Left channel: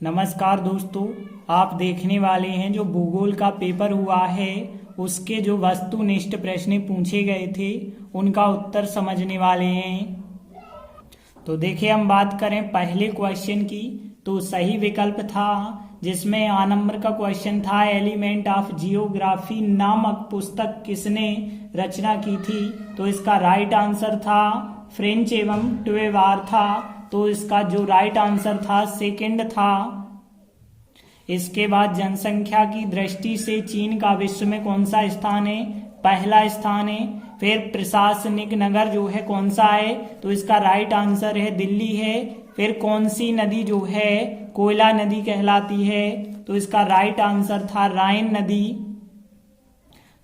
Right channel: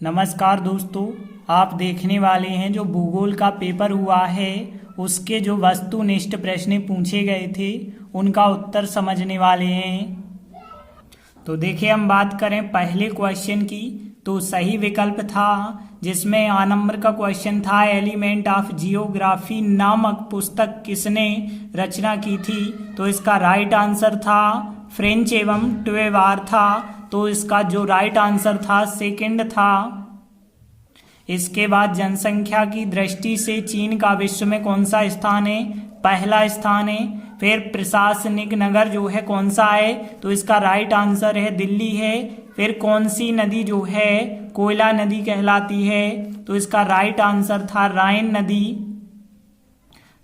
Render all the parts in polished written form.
नमस्कार दोस्तों, आप देखने वाले हैं जो भूगोल का पेपर हुआ है उसके जो वस्तुनिष्ठ प्रश्न पूछे गए थे उनका उत्तर समझने वाले हैं। तो देखिए, हम बात करें पहले क्वेश्चन की तो सही विकल्प था जिसमें आ नंबर का क्वेश्चन था एलिमेंट ऑफ जियोग्राफी नामक पुस्तक किसने रचना की थी। तो इसका राइट आंसर था फ्रेंच एवं ट्वेवार था। तो इसका जो राइट आंसर था सेकंड था। इसके बाद जनसंख्या की दृष्टि से चीन का विश्व में कौन सा स्थान है, पहला स्थान है। फिर प्रशासनिक नगर जो है कौन सा है, तो इसका राइट आंसर है दिल्ली है। फिर कौन सी नदी जो है कोयला नदी कहलाती है, तो इसका राइट आंसर था राइन नदी।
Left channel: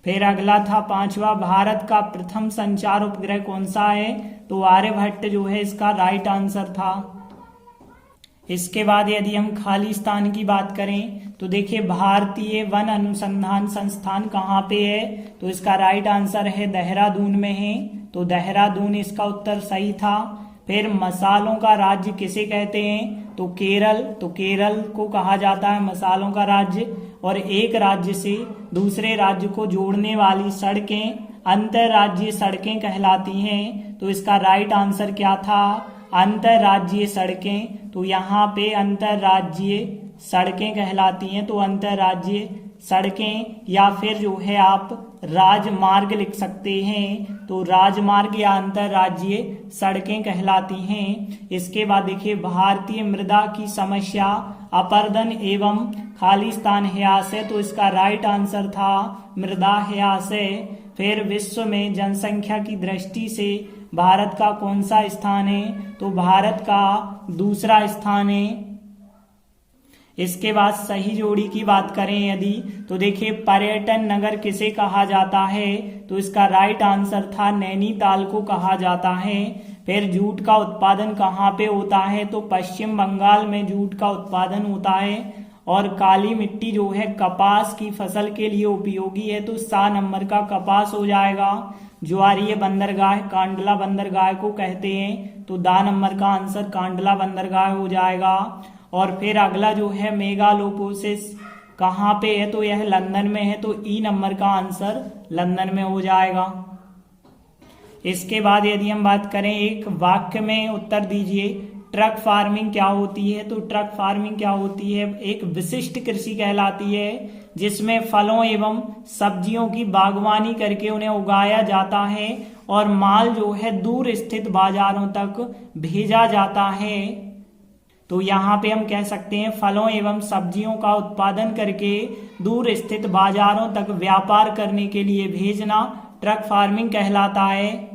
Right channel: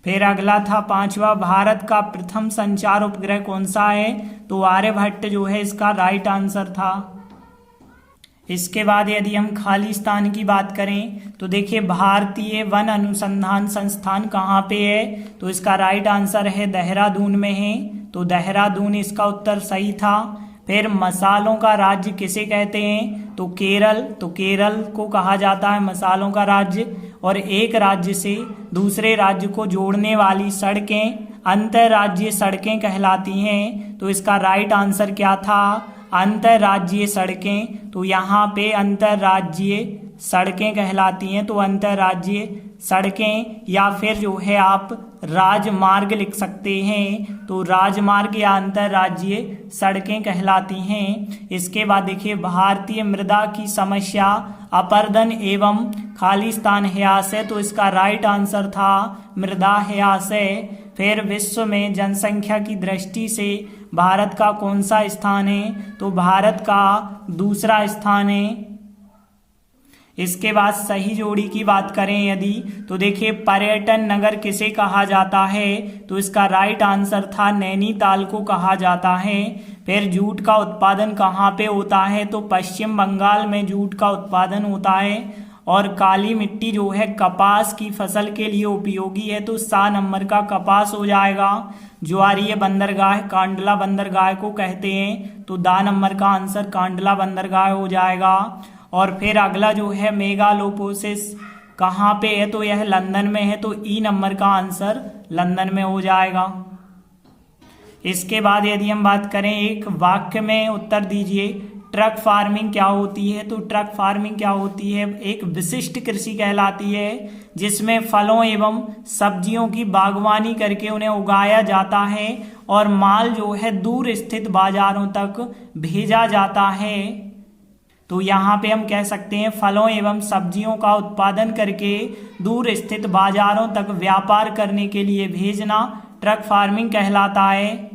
फिर अगला था पांचवा, भारत का प्रथम संचार उपग्रह कौन सा है, तो आर्यभट्ट जो है इसका राइट आंसर था। इसके बाद यदि हम खाली स्थान की बात करें तो देखिए भारतीय वन अनुसंधान संस्थान कहाँ पे है, तो इसका राइट आंसर है देहरादून में है। तो देहरादून इसका उत्तर सही था। फिर मसालों का राज्य किसे कहते हैं, तो केरल। तो केरल को कहा जाता है मसालों का राज्य। और एक राज्य से दूसरे राज्य को जोड़ने वाली सड़कें अंतर्राज्यीय सड़कें कहलाती हैं। तो इसका राइट आंसर क्या था, अंतर्राज्यीय सड़कें। तो यहाँ पे अंतर्राज्यीय सड़कें कहलाती हैं। तो अंतर्राज्यीय सड़कें या फिर जो है आप राजमार्ग लिख सकते हैं। तो राजमार्ग या अंतर्राज्यीय सड़कें कहलाती हैं। इसके बाद देखिए भारतीय मृदा की समस्या अपरदन एवं खालिस्तान ह्रास है। तो इसका राइट आंसर था मृदा ह्रास है। फिर विश्व में जनसंख्या की दृष्टि से भारत का कौन सा स्थान है, तो भारत का दूसरा स्थान है। इसके बाद सही जोड़ी की बात करें यदि, तो देखिए पर्यटन नगर किसे कहा जाता है, तो इसका राइट आंसर था नैनीताल को कहा जाता है। फिर जूट का उत्पादन कहाँ पे होता है, तो पश्चिम बंगाल में जूट का उत्पादन होता है। और काली मिट्टी जो है कपास की फसल के लिए उपयोगी है। तो 7 नंबर का कपास हो जाएगा। ज्वारीय बंदरगाह कांडला बंदरगाह को कहते हैं। तो दा नंबर का आंसर कांडला बंदरगाह हो जाएगा। और फिर अगला जो है मेगालोपोसिस कहाँ पे है, तो यह लंदन में है। तो ई नंबर का आंसर लंदन में हो जाएगा। इसके बाद यदि हम बात करें एक वाक्य में उत्तर दीजिए, ट्रक फार्मिंग क्या होती है, तो ट्रक फार्मिंग क्या होती है, एक विशिष्ट कृषि कहलाती है जिसमें फलों एवं सब्जियों की बागवानी करके उन्हें उगाया जाता है और माल जो है दूर स्थित बाजारों तक भेजा जाता है। तो यहाँ पे हम कह सकते हैं फलों एवं सब्जियों का उत्पादन करके दूर स्थित बाजारों तक व्यापार करने के लिए भेजना ट्रक फार्मिंग कहलाता है।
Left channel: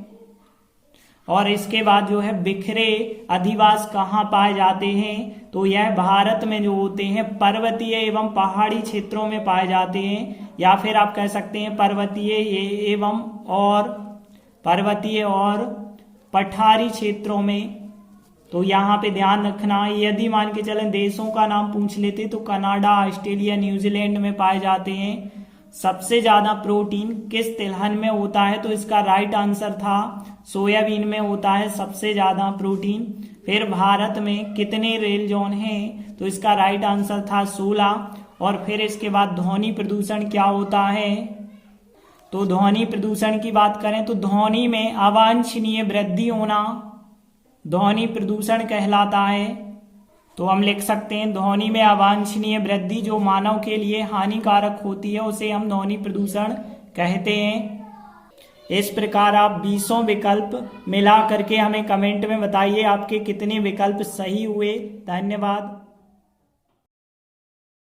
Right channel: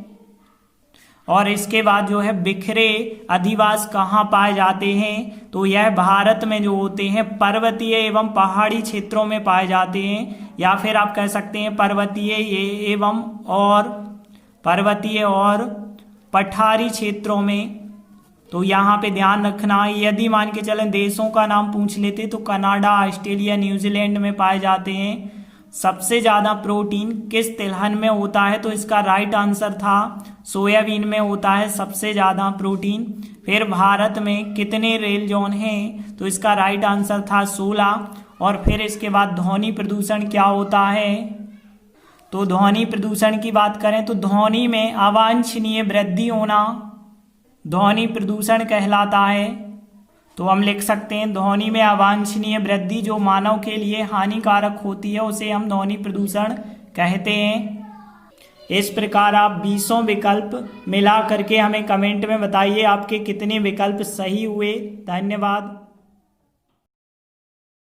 और इसके बाद जो है बिखरे अधिवास कहाँ पाए जाते हैं, तो यह भारत में जो होते हैं पर्वतीय एवं पहाड़ी क्षेत्रों में पाए जाते हैं। या फिर आप कह सकते हैं पर्वतीय और पठारी क्षेत्रों में। तो यहाँ पे ध्यान रखना, यदि मान के चलें देशों का नाम पूछ लेते तो कनाडा, ऑस्ट्रेलिया, न्यूजीलैंड में पाए जाते हैं। सबसे ज्यादा प्रोटीन किस तिलहन में होता है, तो इसका राइट आंसर था सोयाबीन में होता है सबसे ज्यादा प्रोटीन। फिर भारत में कितने रेल जोन हैं, तो इसका राइट आंसर था 16। और फिर इसके बाद ध्वनि प्रदूषण क्या होता है, तो ध्वनि प्रदूषण की बात करें तो ध्वनि में अवांछनीय वृद्धि होना ध्वनि प्रदूषण कहलाता है। तो हम लिख सकते हैं ध्वनि में अवांछनीय वृद्धि जो मानव के लिए हानिकारक होती है उसे हम ध्वनि प्रदूषण कहते हैं। इस प्रकार आप 20 विकल्प मिला करके हमें कमेंट में बताइए आपके कितने विकल्प सही हुए। धन्यवाद।